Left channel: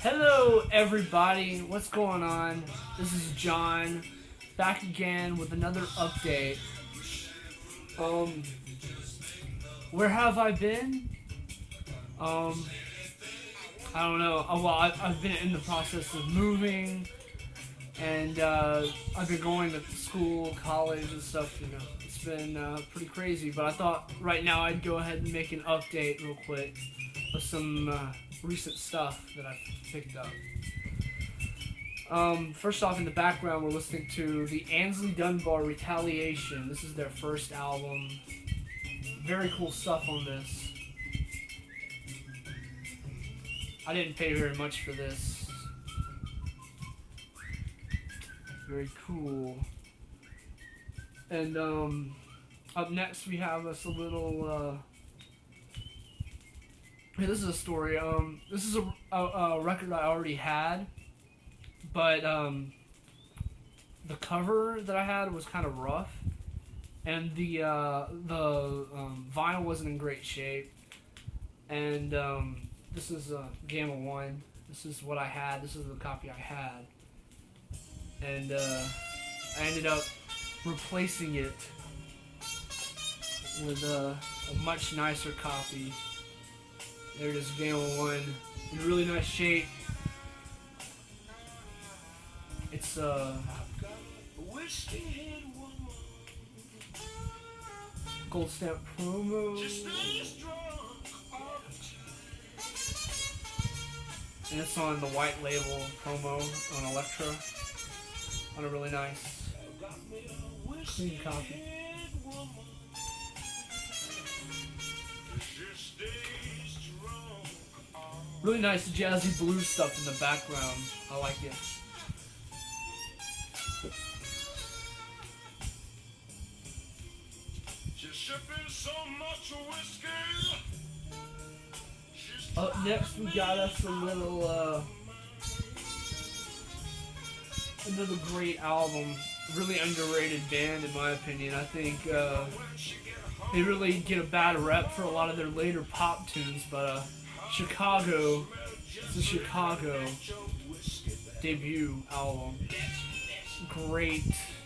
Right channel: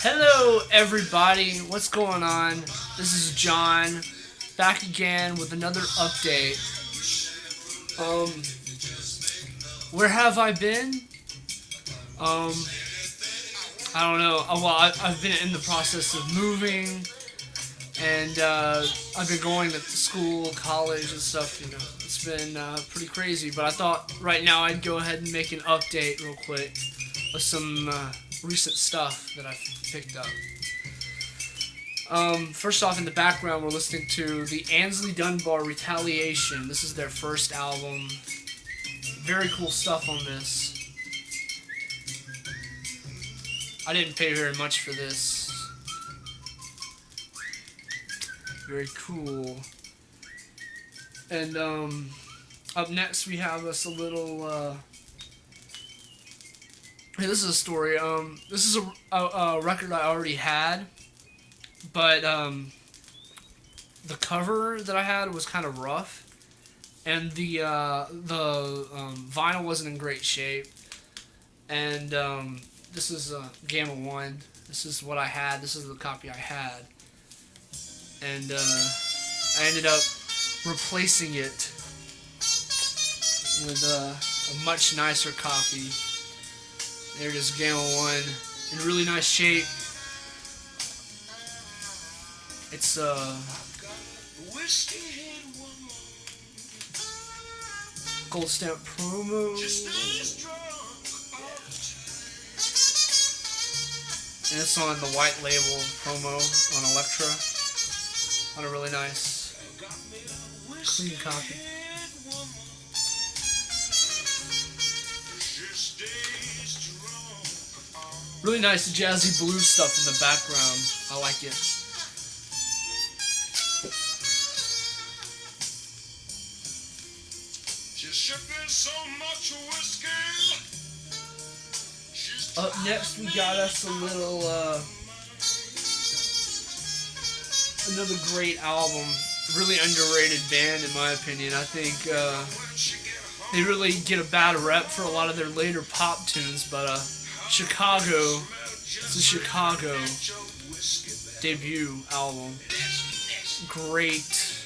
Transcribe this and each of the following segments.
Hello, everybody. What's going on? This is John, back again with another update. Um, where have I been? Um, I don't know. Well, I've been in the process of moving, and I've been going to school, college, and stuff. It's been pretty crazy. But I thought right now I'd go ahead and make an update real quick of some recent stuff that I've picked up. First off, in the background, we're listening to the Ansley Dunbar Retaliation. This is their first album. Very cool stuff on this. I didn't pay very much for this. Very cool. And up next we have us a little. Hey, this is a story. This is a record I already had, but the cover that I had was kind of rough, and the vinyl wasn't in great shape. And this is Gamma 1. This is what I had. This is the copy I had. And I ended up replacing it with a much nicer copy. There it is, Grail 1, in really nice shape. It's gold stamp promo. And it's on the white label promo on Elektra. On a really nice, clean copy. Really nice jazzy blues stuff in the background. I like it. Up next, we got us a little, another great album. Really underrated band, in my opinion. I think they really get a bad rep for a lot of their later pop tunes, but Chicago, it's a Chicago debut album. Great,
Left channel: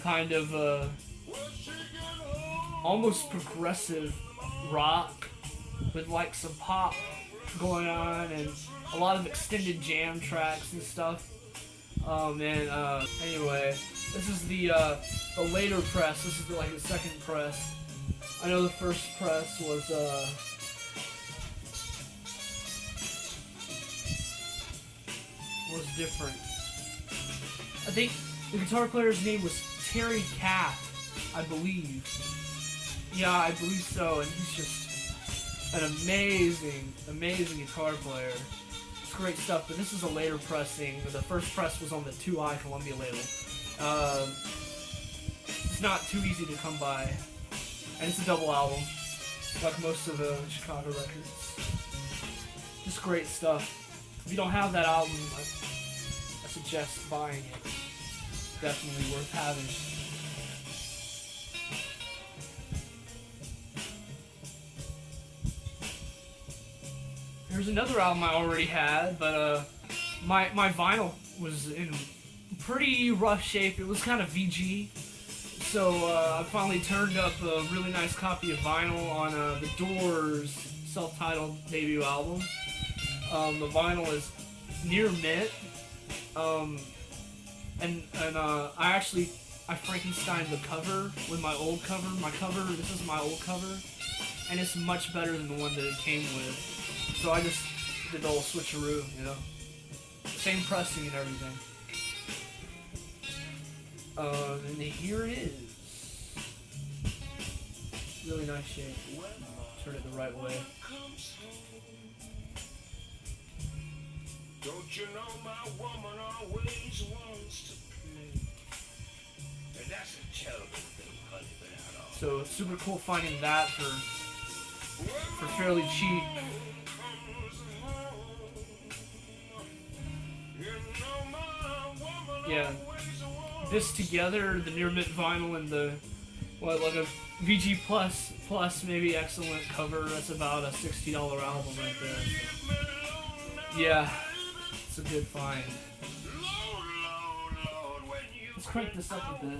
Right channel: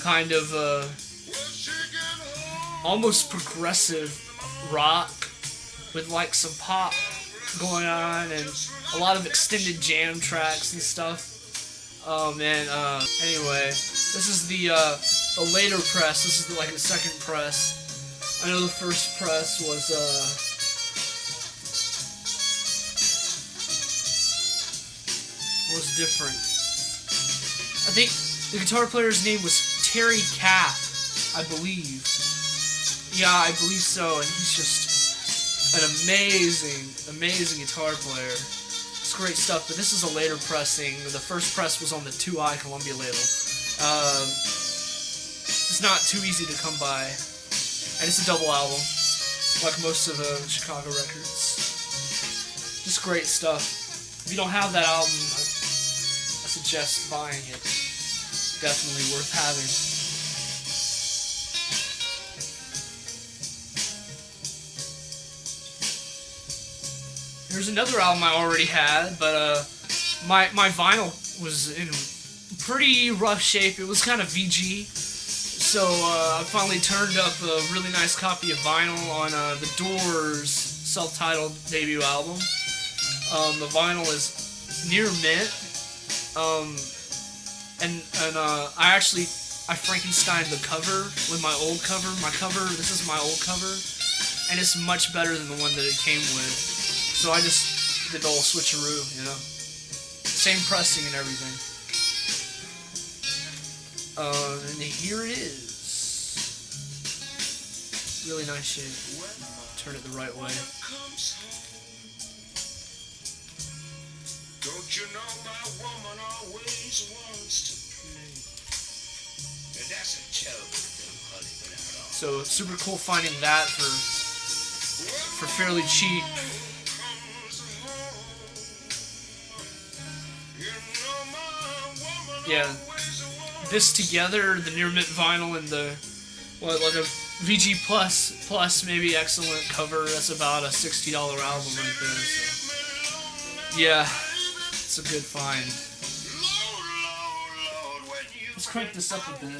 kind of almost progressive rock with like some pop going on and a lot of extended jam tracks and stuff. Oh man, anyway, this is the later press. This is like the second press. I know the first press was different. I think the guitar player's name was Terry Kath, I believe. Yeah, I believe so, and he's just an amazing guitar player. It's great stuff, but this is a later pressing. The first press was on the 2i Columbia label. It's not too easy to come by, and it's a double album, like most of the Chicago records. Just great stuff. If you don't have that album, I suggest buying it. Definitely worth having. Here's another album I already had, but my vinyl was in pretty rough shape. It was kind of VG, so I finally turned up a really nice copy of vinyl on the Doors self-titled debut album. The vinyl is near mint, and I Frankensteined the cover with my old cover. This is my old cover, and it's much better than the one that it came with. So I just did the whole switcheroo, Same pressing and everything. And here it is. Really nice shape. Turn it the right way. Don't you know my woman always wants to play? And that's a terrible thing, honey, but all. So super cool finding that for fairly cheap. Yeah, this together, the near mint vinyl and the what, like a VG plus maybe excellent cover. That's about a $60 album right there. So. Yeah, it's a good find. Let's crank this up a bit.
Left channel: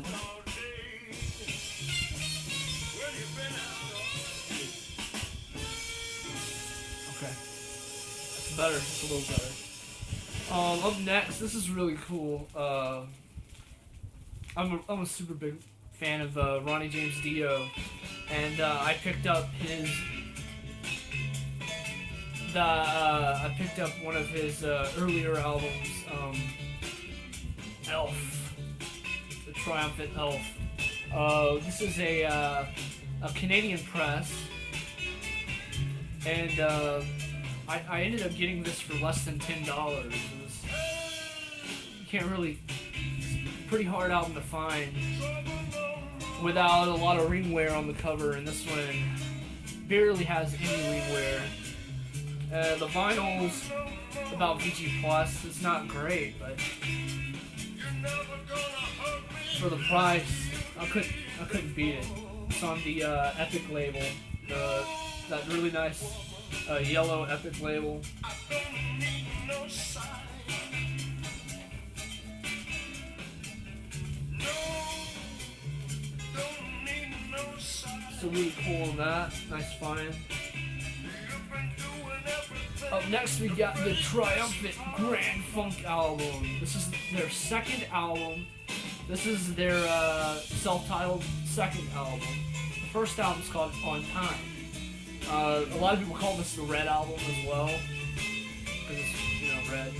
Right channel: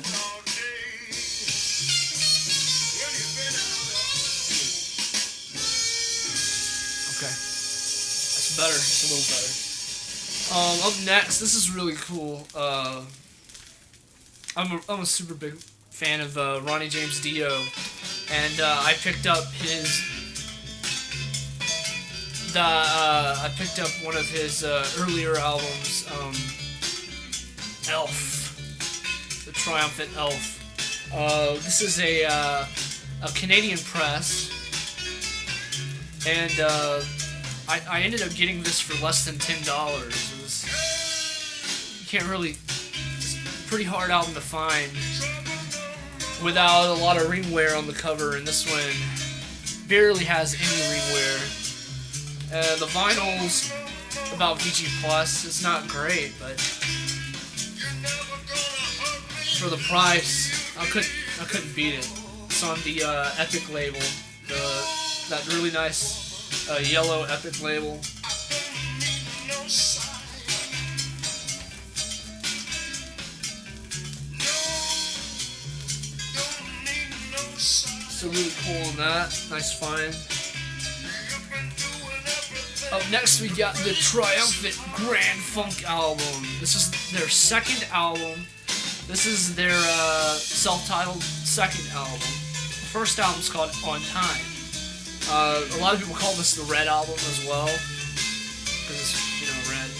Okay, that's better. It's a little better. Up next, this is really cool. I'm a super big fan of Ronnie James Dio, and I picked up I picked up one of his earlier albums, Elf, the Triumphant Elf. This is a Canadian press, and I ended up getting this for less than $10. You can't really. It's a pretty hard album to find without a lot of ring wear on the cover, and this one barely has any ring wear. The vinyl's about VG Plus. It's not great, but for the price, I couldn't beat it. It's on the Epic label, that really nice yellow Epic label. So really cool on that. Nice find. Up next, we got the Triumphant Grand Funk album. This is their second album. This is their self-titled second album. The first album's called On Time. A lot of people call this the Red album as well, because it's, you know, red.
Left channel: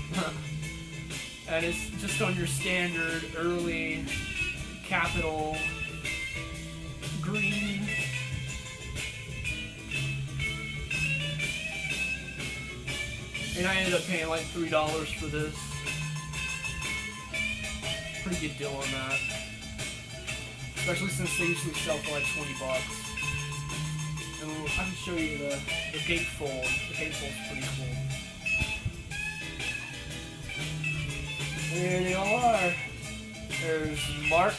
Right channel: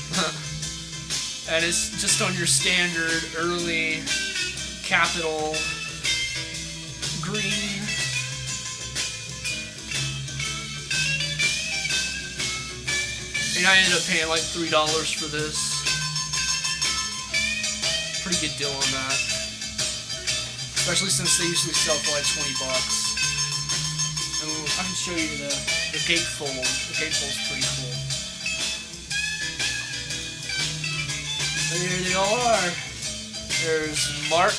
And it's just on your standard early Capitol green. And I ended up paying like $3 for this. Pretty good deal on that. Especially since they usually sell for like $20. And I can show you the gatefold. The gatefold's pretty cool. There they are. There's Mark.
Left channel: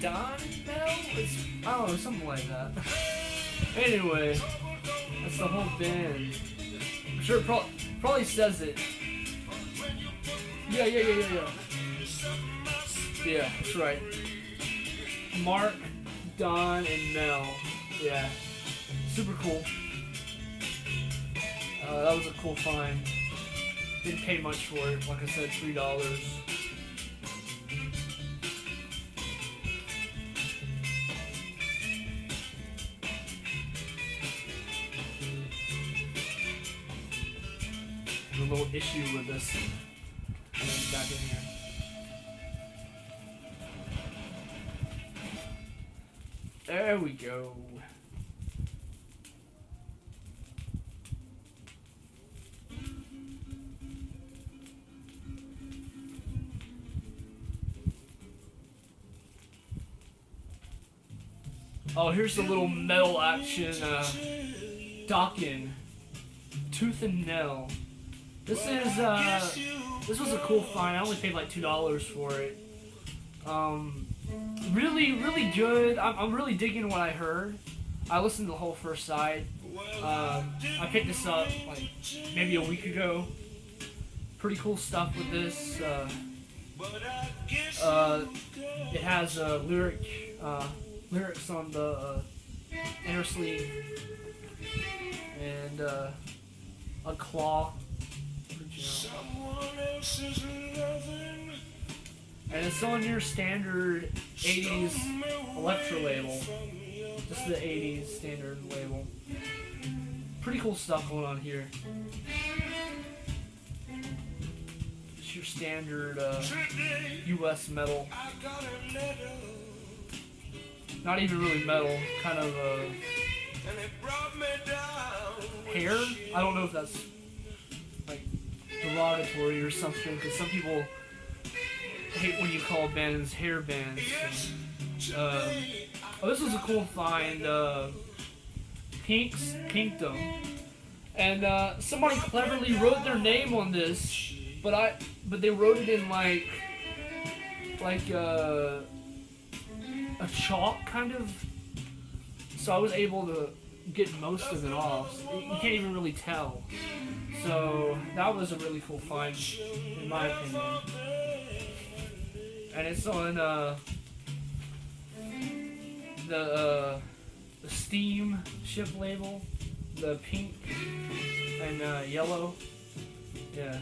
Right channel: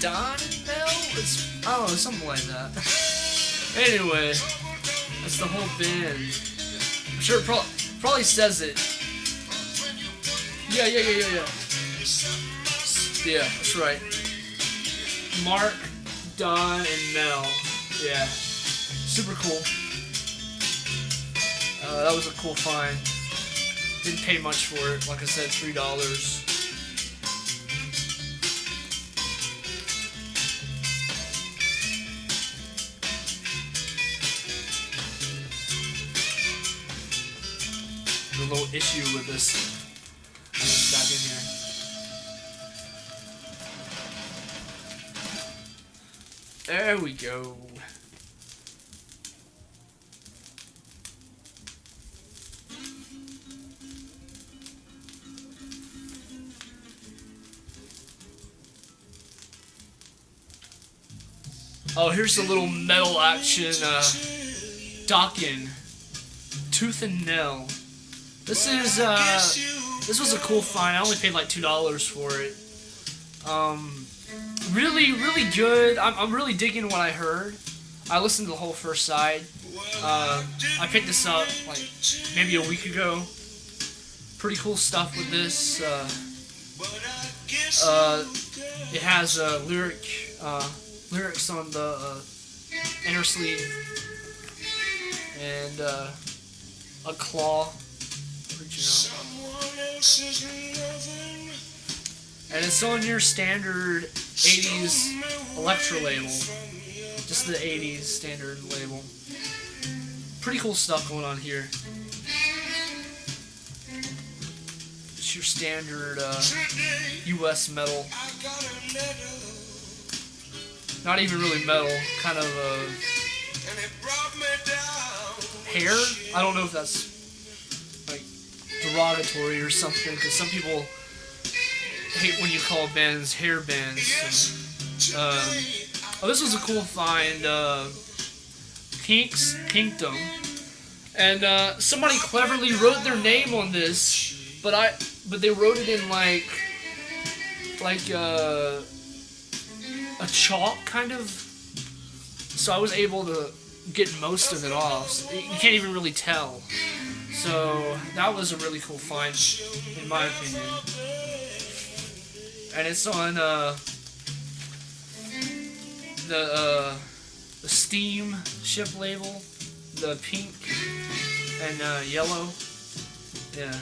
Don and Mel? I don't know, something like that. Anyway, that's the whole band. I'm sure it probably says it. Yeah. Yeah, that's right. Mark, Don, and Mel. Yeah. Super cool. That was a cool find. Didn't pay much for it. Like I said, $3. A little issue with this. Back in here. There we go. Oh, here's a little metal action. Dokken, Tooth and Nail. This was a cool find. I only paid like $2 for it. Really good. I'm really digging what I heard. I listened to the whole first side. I picked this up like maybe a week ago. Pretty cool stuff with this. It has lyrics on the inner sleeve and a claw. And it's on your standard 80s Electra label. Just the 80s standard label. Pretty cool stuff going on here. It's your standard US metal. Not even really metal, kind of hair? I don't know if that's like derogatory or something, because some people hate when you call bands hair bands. Oh, this was a cool find. Pink's Pinkdom. And somebody cleverly wrote their name on this, but they wrote it in like a chalk kind of. So I was able to get most of it off. So you can't even really tell. So that was a really cool find, in my opinion. And it's on the Steam ship label, the pink and yellow. Yeah.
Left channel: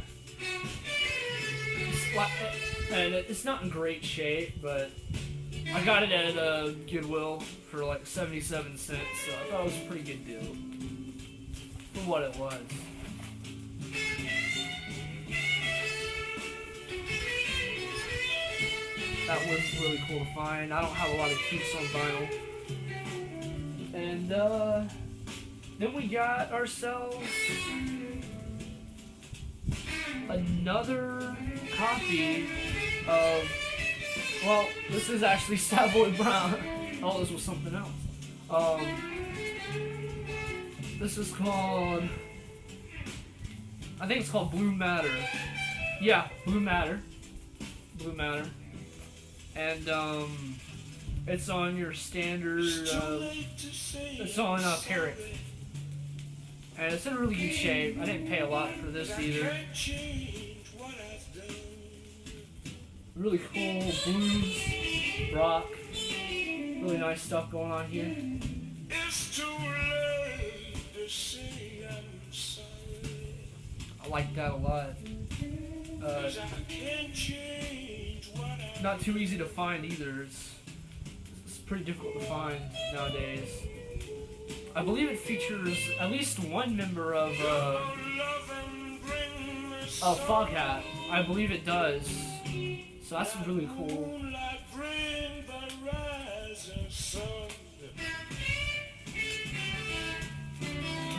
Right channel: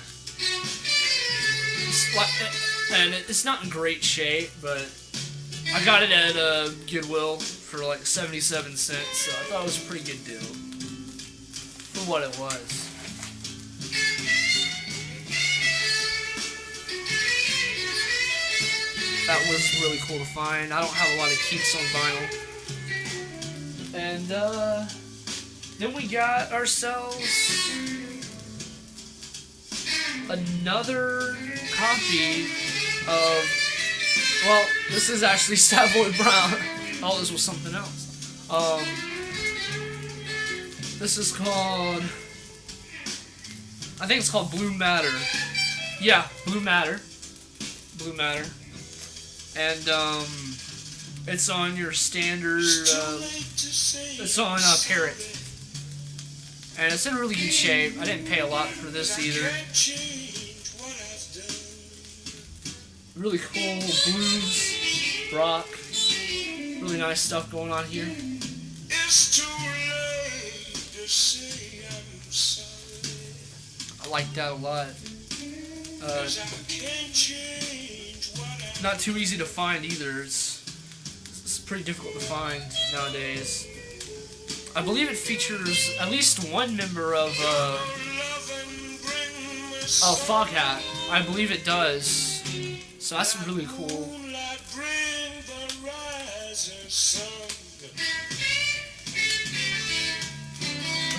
And it's not in great shape, but I got it at Goodwill for like 77 cents, so I thought it was a pretty good deal for what it was. That was really cool to find. I don't have a lot of keeps on vinyl. And then we got ourselves another copy of, well, this is actually Savoy Brown. Oh, this was something else. This is called, I think it's called Blue Matter. Yeah, Blue Matter. Blue Matter. And it's on your standard, it's on Parrot. And it's in really good shape. I didn't pay a lot for this either. Really cool blues, rock, really nice stuff going on here. I like that a lot. Not too easy to find either. It's pretty difficult to find nowadays. I believe it features at least one member of Foghat. I believe it does. So that's really cool. Let's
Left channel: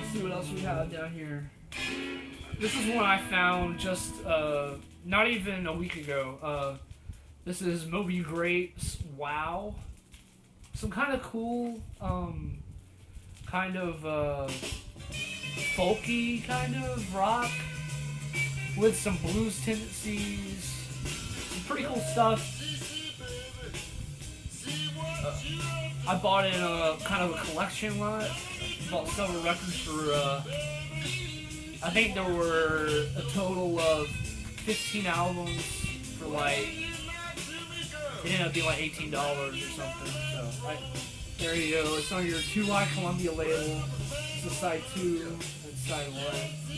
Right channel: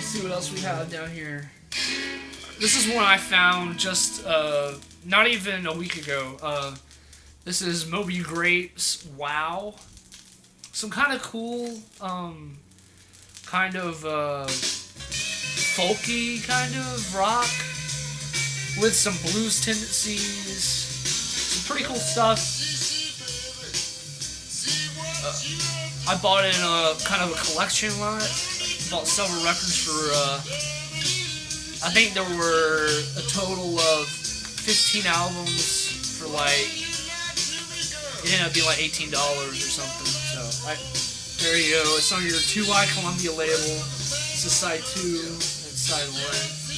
see what else we have down here. This is one I found just not even a week ago. This is Moby Grape's Wow. Some kind of cool, kind of folky kind of rock with some blues tendencies. Some pretty cool stuff. I bought it in a kind of a collection lot. Bought several records for, I think there were a total of 15 albums for like, it ended up being like $18 or something. So there you go. It's on your 2Y Columbia label. This is side 2 and side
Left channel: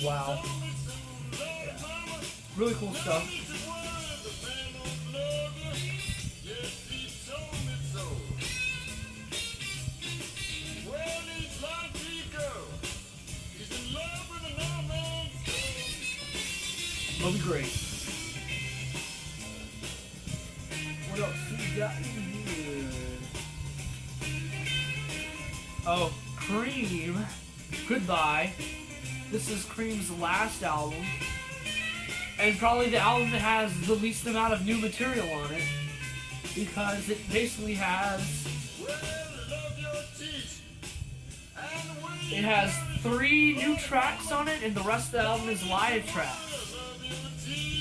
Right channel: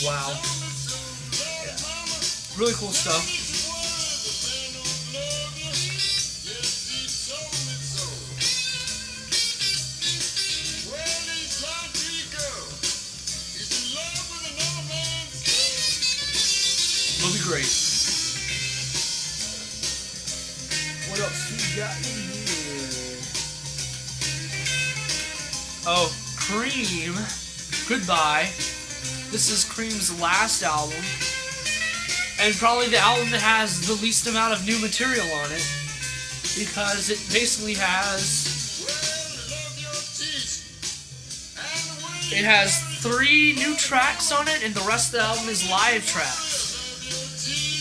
1. Wow. Yeah. Really cool stuff. Will be great. What else we got in here? Oh, Cream. Goodbye. This is Cream's last album. And probably the album that has the least amount of new material on it. Because it basically has... It has 3 new tracks on it, and the rest of the album is live tracks.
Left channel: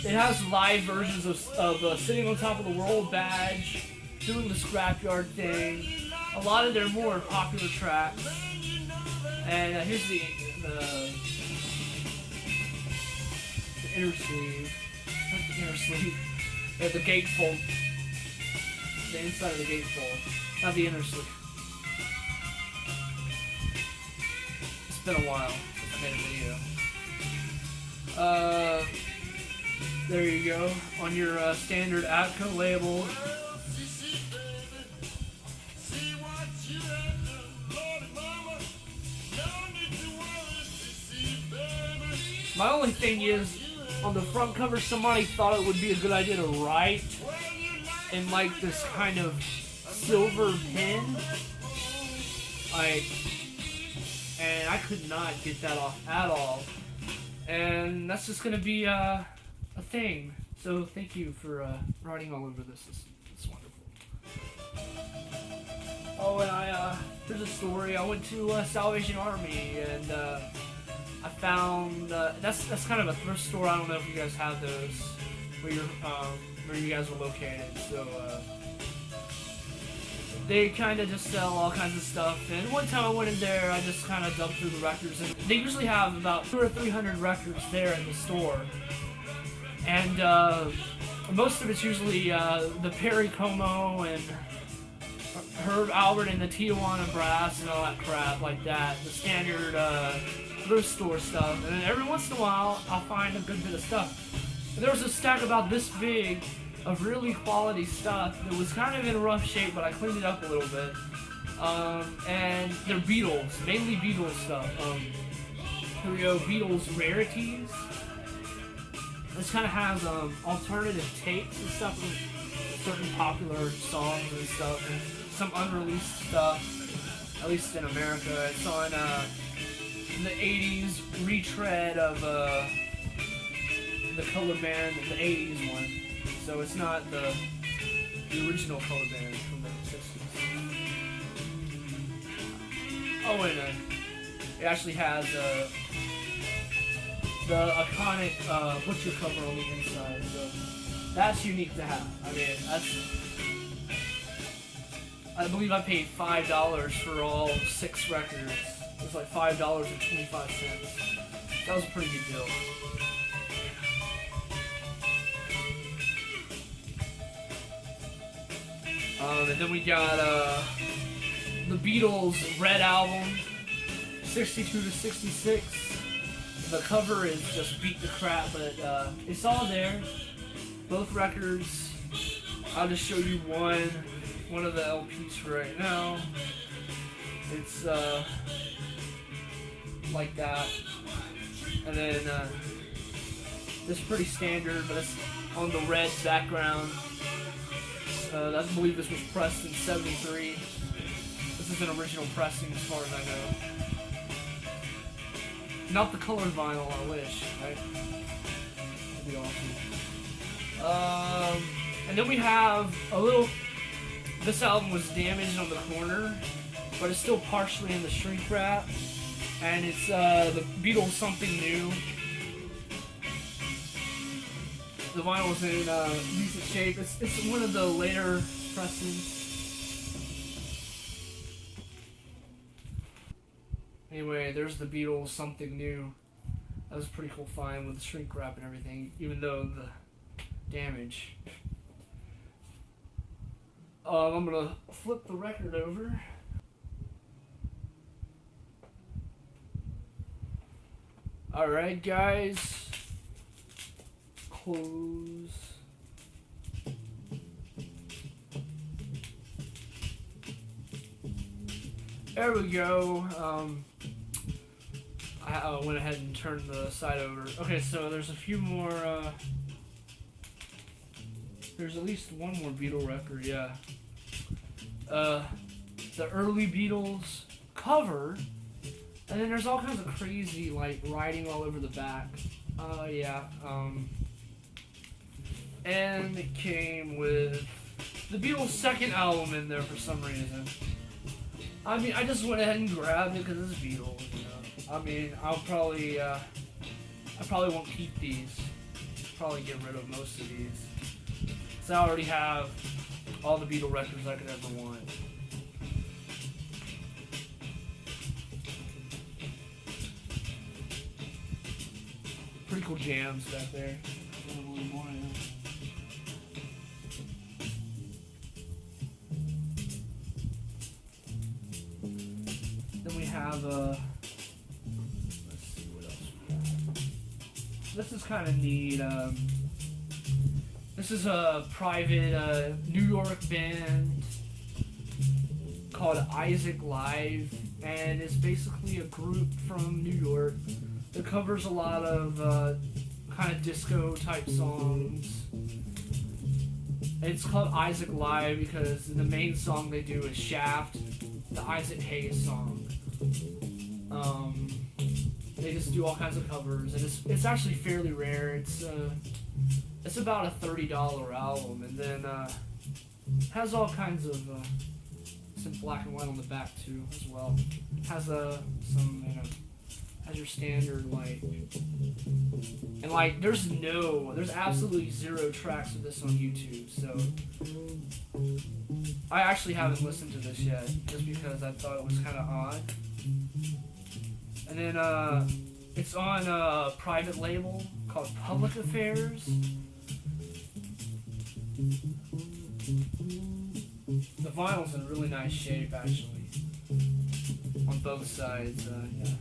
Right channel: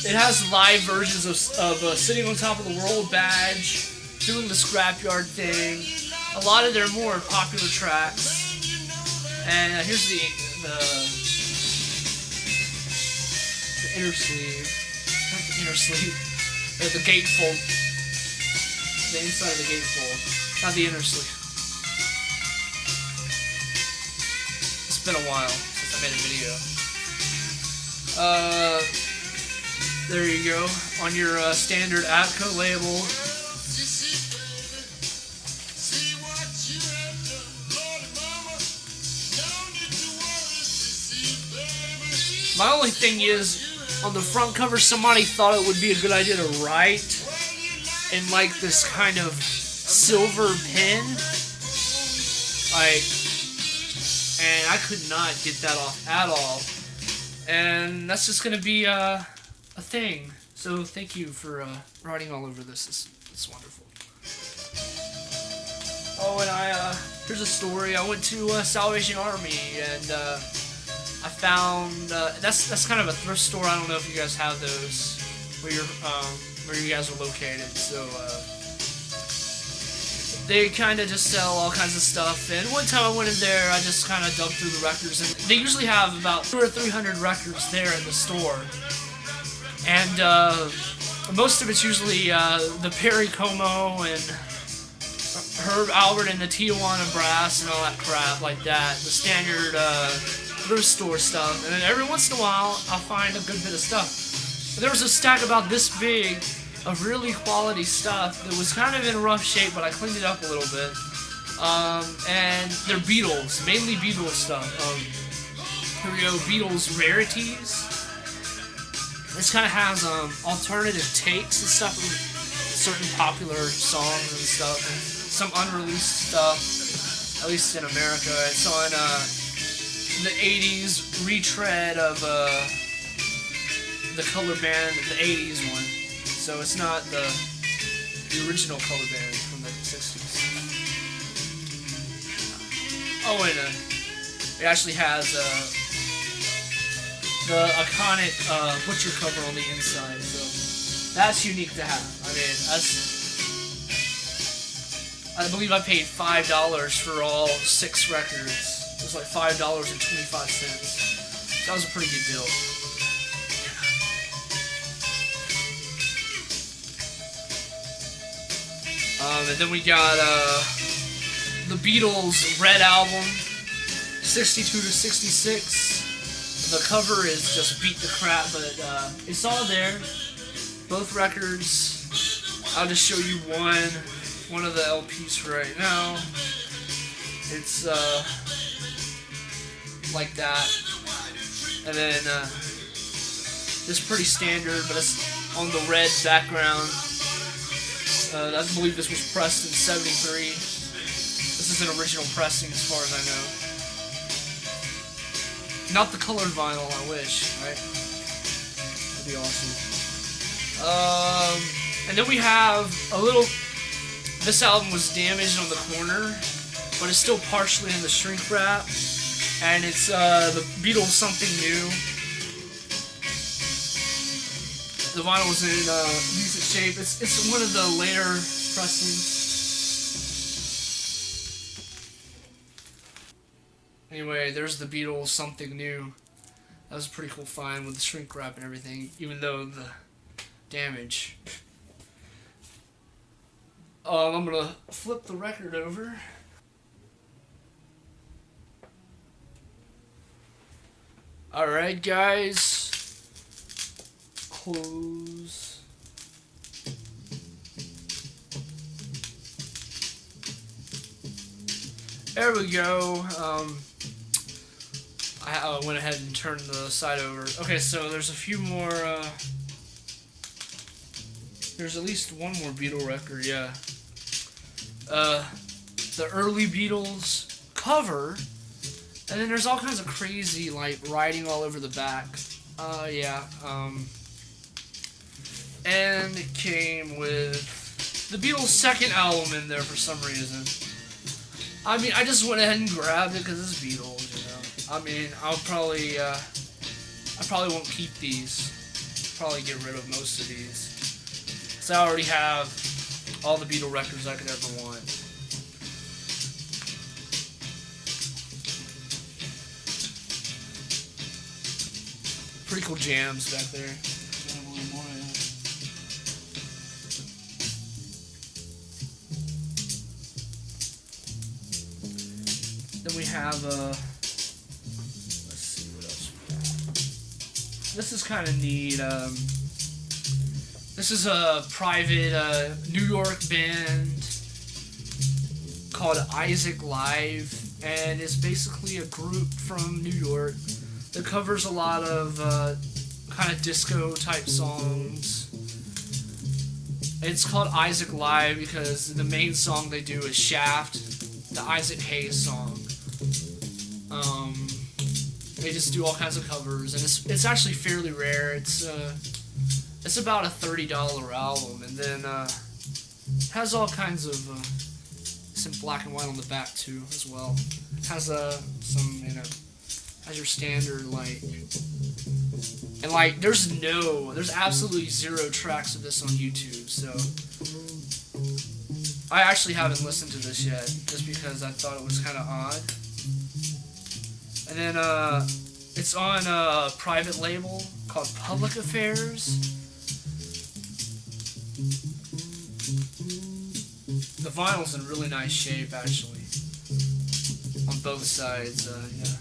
It has live versions of Sitting on Top of the World Badge, doing the Scrapyard thing, a lot of their more popular tracks. And here's the inner sleeve. Not the inner sleeve. The gatefold. The inside of the gatefold. Not the inner sleeve. It's been a while since I made a video. There you go, on your standard Atco label. My only thing is, on the front cover, somebody thought it would be a good idea to write in like this kind of silver pen. And I could not get that off at all. And that's just gonna be a thing. So thank you for writing all over this. It's wonderful. Oh, and here's a story. I went to Salvation Army, and I found that's kind of a thrift store. I don't know if you guys have those where you guys are located. So they kind of just sell all kinds of stuff. And one time I went in there, I just kind of dug through the records, and they usually have about 200 or 300 records there in the store. And most of it's usually the Perry Como and Herb Albert and the Tijuana Brass and all that crap like that. The standard thrift store stuff. And then every once in a while, I'll find a good bit of stuff. There was a stack about this big of really quality stuff that was kind of in rough shape, but I cleaned it up a little bit. And they're Beatles, mainly Beatles stuff. Here we go, Beatles rarities. This kind of has alternative takes and stuff from certain popular songs and stuff, and some unreleased stuff, at least in America. It's on the 80s retread of the color band, the 80s one. So it's not the original color band from the 60s. Oh, and it actually has the iconic Butcher cover on the inside, so that's unique to have. I mean, I believe I paid $5 for all 6 records. It was like $5.25. That was a pretty good deal. And then we got the Beatles Red Album, 62 to 66. The cover is just beat the crap, but it's all there. Both records. I'll just show you one of the LPs for right now. It's like that, and then this is pretty standard, but it's on the red background. I believe this was pressed in '73. This is an original pressing, as far as I know. Not the colored vinyl, I wish, right? That'd be awesome. And then we have a little... This album was damaged on the corner, but it's still partially in the shrink wrap. And it's the Beatles Something New. The vinyl was in decent shape. It's one of the later pressings. Anyway, there's the Beatles Something New. That was a pretty cool find with the shrink wrap and everything, even though the damage. I'm gonna flip the record over. Alright, guys. Close. There we go. I went ahead and turned the side over. Okay, so there's a few more, there's at least one more Beatle record, yeah. The early Beatles cover, and then there's all kinds of crazy, like, writing all over the back. Yeah, and it came with the Beatles' second album in there for some reason. I mean, I just went ahead and grabbed it because it's Beatles, you know. I mean, I probably won't keep these. Probably get rid of most of these. Because I already have all the Beatle records I could ever want. Pretty cool jams back there. Then we have, let's see what else we have. This is kind of neat. This is a private New York band called Isaac Live, and it's basically a group from New York that covers a lot of kind of disco type songs. It's called Isaac Live because the main song they do is Shaft, the Isaac Hayes song. They just do all kinds of covers, and it's actually fairly rare. It's about a $30 album, and then has all kinds of it's in black and white on the back too as well. Has some as your standard, like, and like there's absolutely 0 tracks of this on YouTube, so I actually haven't listened to this yet, just because I thought it was kind of odd. And then it's on a private label called Public Affairs. The vinyl's in really nice shape, actually, on both sides. Yeah.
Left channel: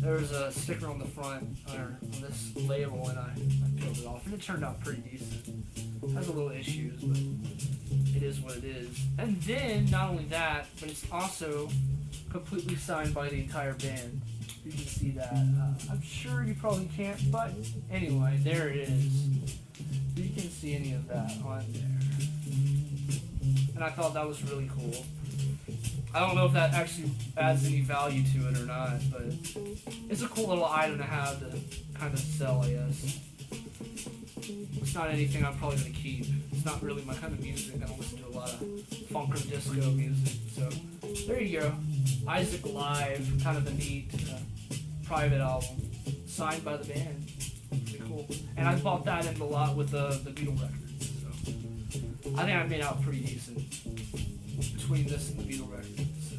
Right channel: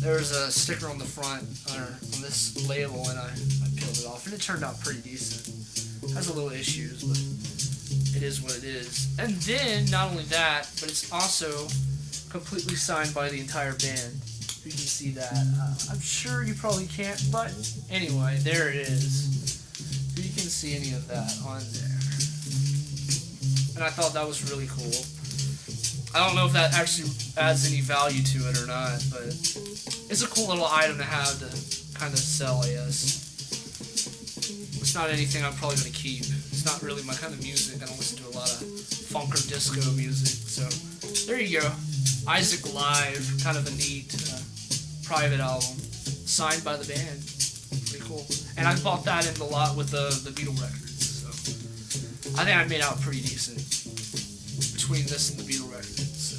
There's a sticker on the front on this label, and I peeled it off, and it turned out pretty decent. It has a little issues, but it is what it is. And then, not only that, but it's also completely signed by the entire band. You can see that. I'm sure you probably can't, but anyway, there it is. You can see any of that on there. And I thought that was really cool. I don't know if that actually adds any value to it or not, but it's a cool little item to have to kind of sell, I guess. It's not anything I'm probably going to keep. It's not really my kind of music. I don't listen to a lot of funk or disco music. So there you go. Isaac Live, kind of a neat private album, signed by the band. Pretty cool. And I bought that in the lot with the Beatle records. So I think I made out pretty decent between this and the Beatle records. So.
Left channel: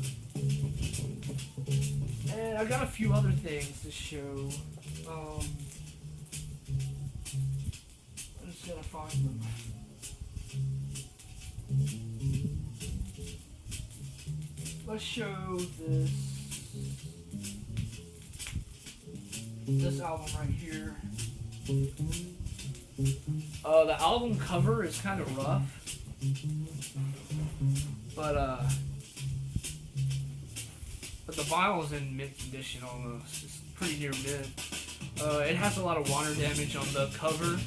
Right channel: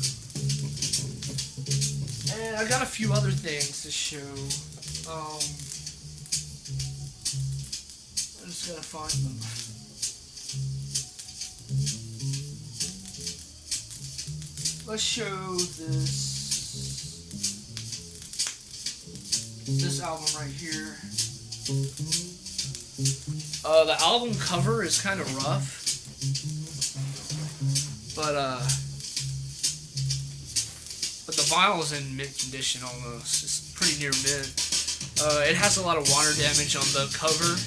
And I got a few other things to show. I just gotta find them. Let's show this album right here. The album cover is kind of rough, but the vinyl is in mint condition almost. It's pretty near mint. It has a lot of water damage on the cover,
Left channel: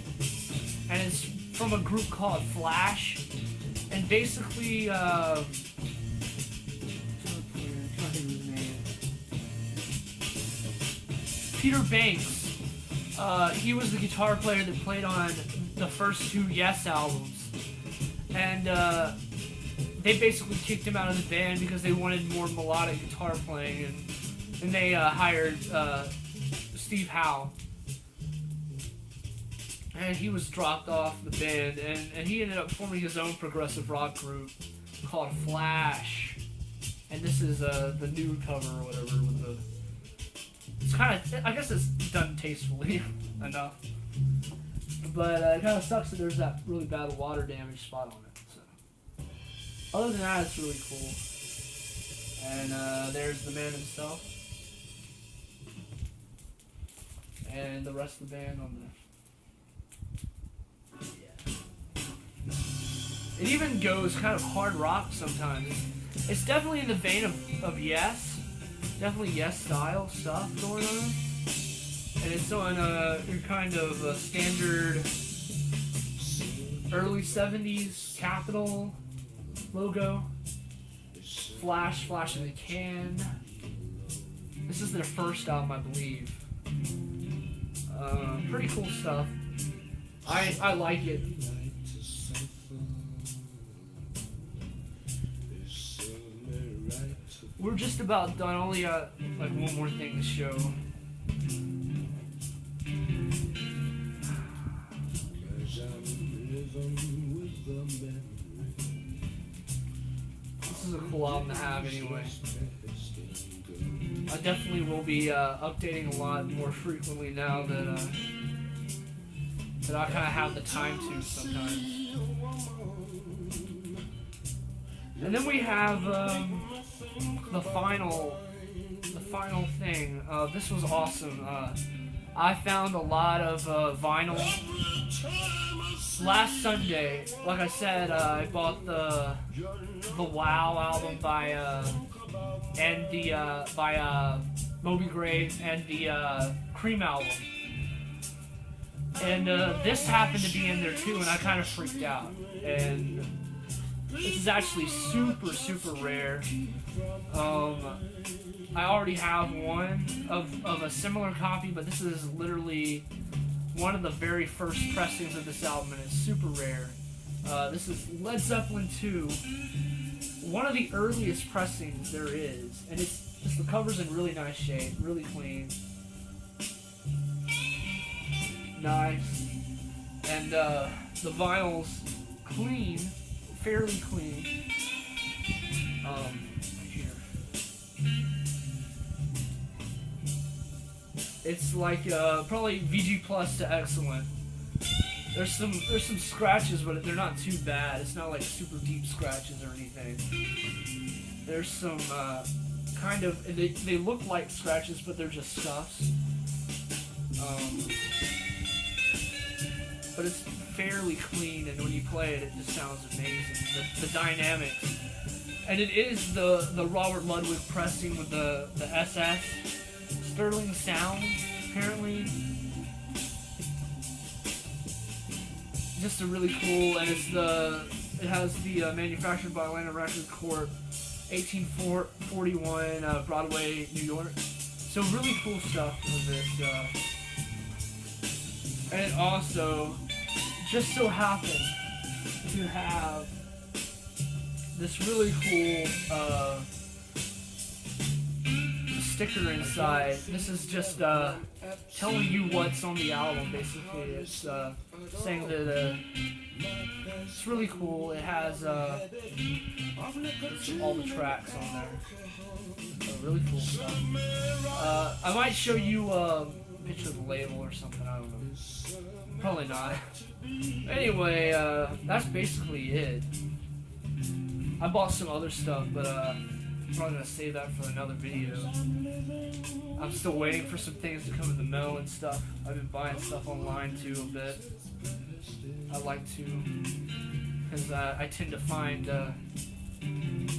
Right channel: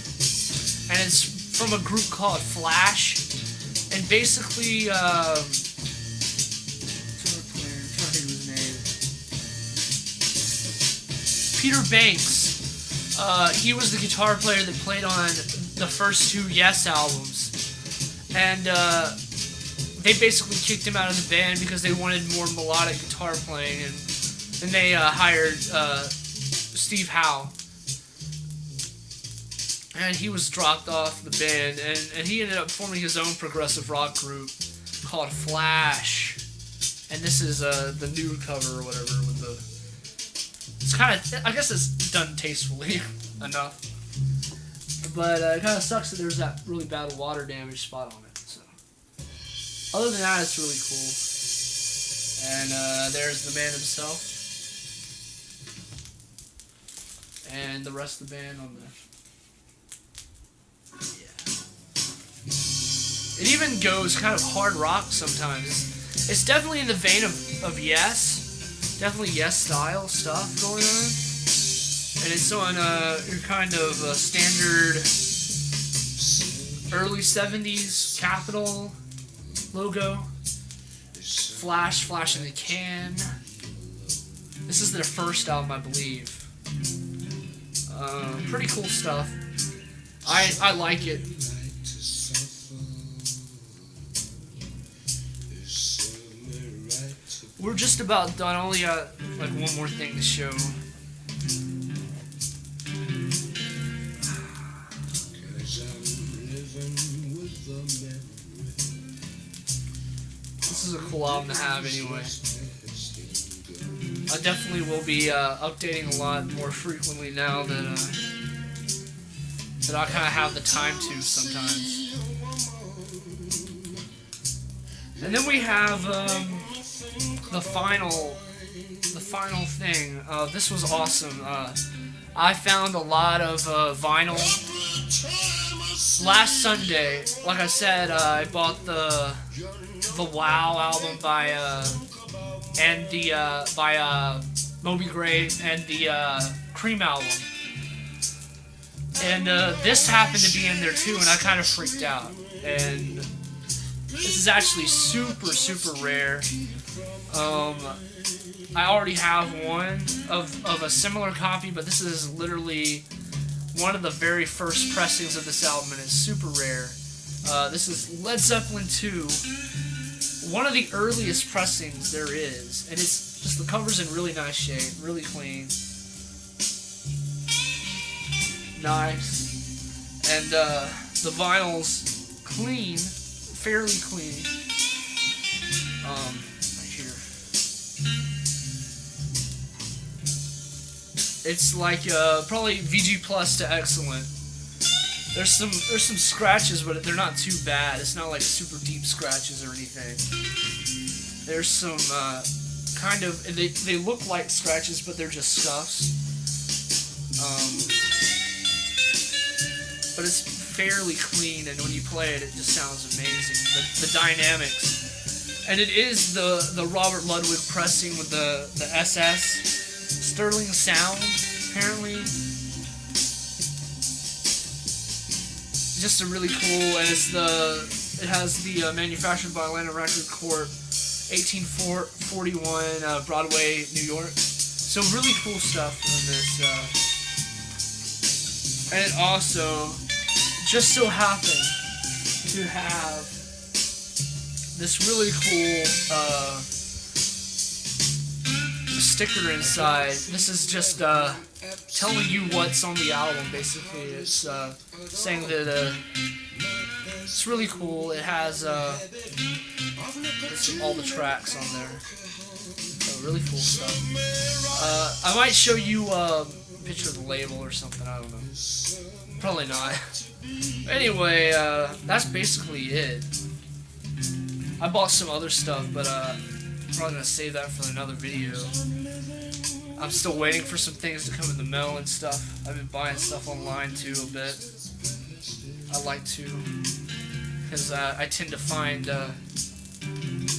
and it's from a group called Flash, and basically, Peter Banks, he was the guitar player that played on the first 2 Yes albums, and they basically kicked him out of the band because they wanted more melodic guitar playing, and then they hired Steve Howe, and he was dropped off the band, and he ended up forming his own progressive rock group called Flash, and this is the new cover or whatever with the. It's kind of, I guess it's done tastefully enough, but it kind of sucks that there's that really bad water damage spot on it. So, other than that, it's really cool. And there's the man himself, and the rest of the band on there. Yeah. It even goes kind of hard rock sometimes. It's definitely in the vein of Yes. Definitely Yes style stuff going on, and it's on your kind of standard early 70s Capitol logo. Flash in the can. This is their first album, I believe. Pretty cool stuff. I like it. We're just about done. Only got like one more thing to show. This is a cool album to have anyway. I definitely will be updating a lot more frequently now that I kind of have the time to sometimes. And then we have the final thing. This was awesome. I found a lot of vinyl last Sunday. Like I said, I bought the Wow album by Moby Gray and the Cream album, and this happened to be in there too, and I kind of freaked out. And this is actually super rare. I already have one of a similar copy, but this is literally one of the very first pressings of this album, and it's super rare. This is Led Zeppelin 2, one of the earliest pressings there is, and it's just The cover's in really nice shape, really clean. Nice. And the vinyl's clean, fairly clean. Right here. It's like probably VG plus to excellent. There's some scratches, but they're not too bad. It's not like super deep scratches or anything. There's some kind of they look like scratches, but they're just scuffs. But it's fairly clean, and when you play it, it just sounds amazing. The dynamics, and it is the Robert Ludwig pressing with the SS Sterling sound, apparently. Just a really cool, and it has the manufactured by Atlanta Record Corp, 1841 Broadway, New York. So really cool stuff in this. And it also just so happened to have this really cool sticker inside. This is just telling you what's on the album, basically. It's saying that it's really cool. It has all the tracks on there. Really cool stuff. I might show you a picture of the label or something, I don't know. Probably not. Anyway, that's basically it. I bought some other stuff, but I'm probably going to save that for another video. I'm still waiting for some things to come in the mail and stuff. I've been buying stuff online too a bit. I like to, because I tend to find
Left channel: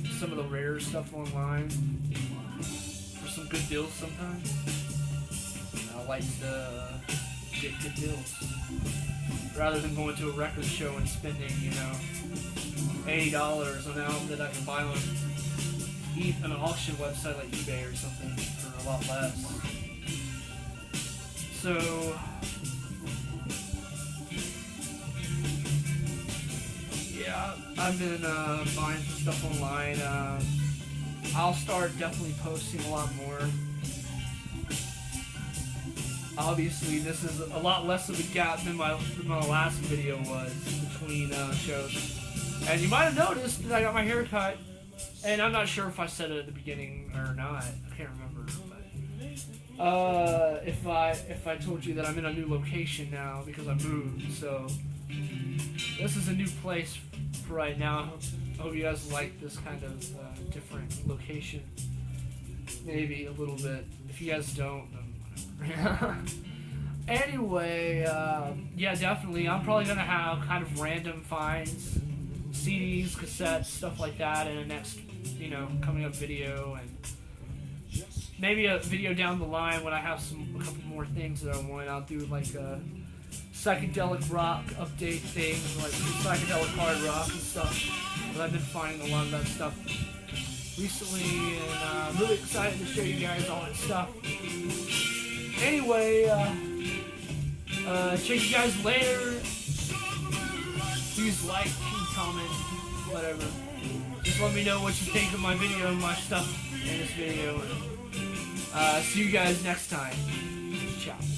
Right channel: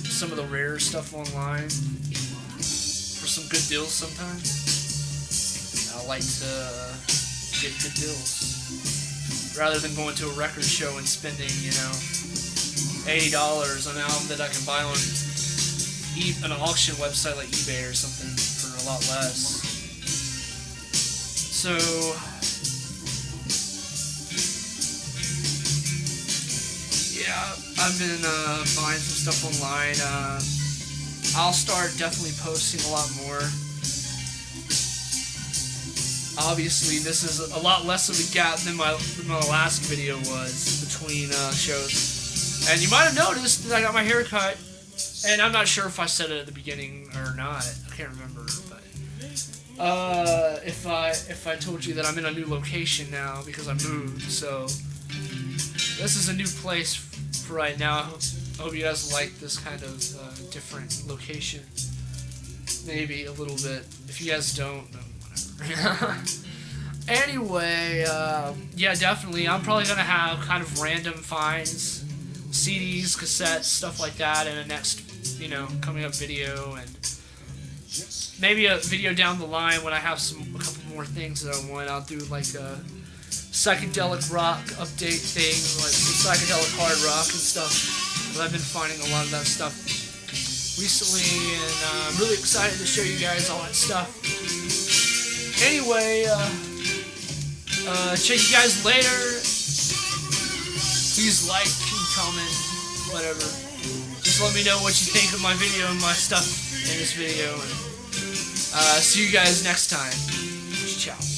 some of the rarer stuff online for some good deals sometimes. I like to get good deals rather than going to a record show and spending, $80 on an album that I can buy on an auction website like eBay or something for a lot less. So yeah, I've been buying some stuff online. I'll start definitely posting a lot more. Obviously, this is a lot less of a gap than my last video was between shows. And you might have noticed that I got my hair cut, and I'm not sure if I said it at the beginning or not. I can't remember. But if I told you that I'm in a new location now because I moved, so this is a new place for right now. I hope you guys like this kind of different location. Maybe a little bit. If you guys don't, then whatever. Anyway, yeah, definitely. I'm probably gonna have kind of random finds, CDs, cassettes, stuff like that in a next, coming up video, and maybe a video down the line when I have a couple more things that I want. I'll do like a psychedelic rock update thing, like psychedelic hard rock and stuff. But I've been finding a lot of that stuff recently, and I'm really excited to show you guys all that stuff. Anyway, check you guys later. Please like and comment, whatever. Just let me know what you think of my video and my stuff in this video. And see you guys next time. Ciao.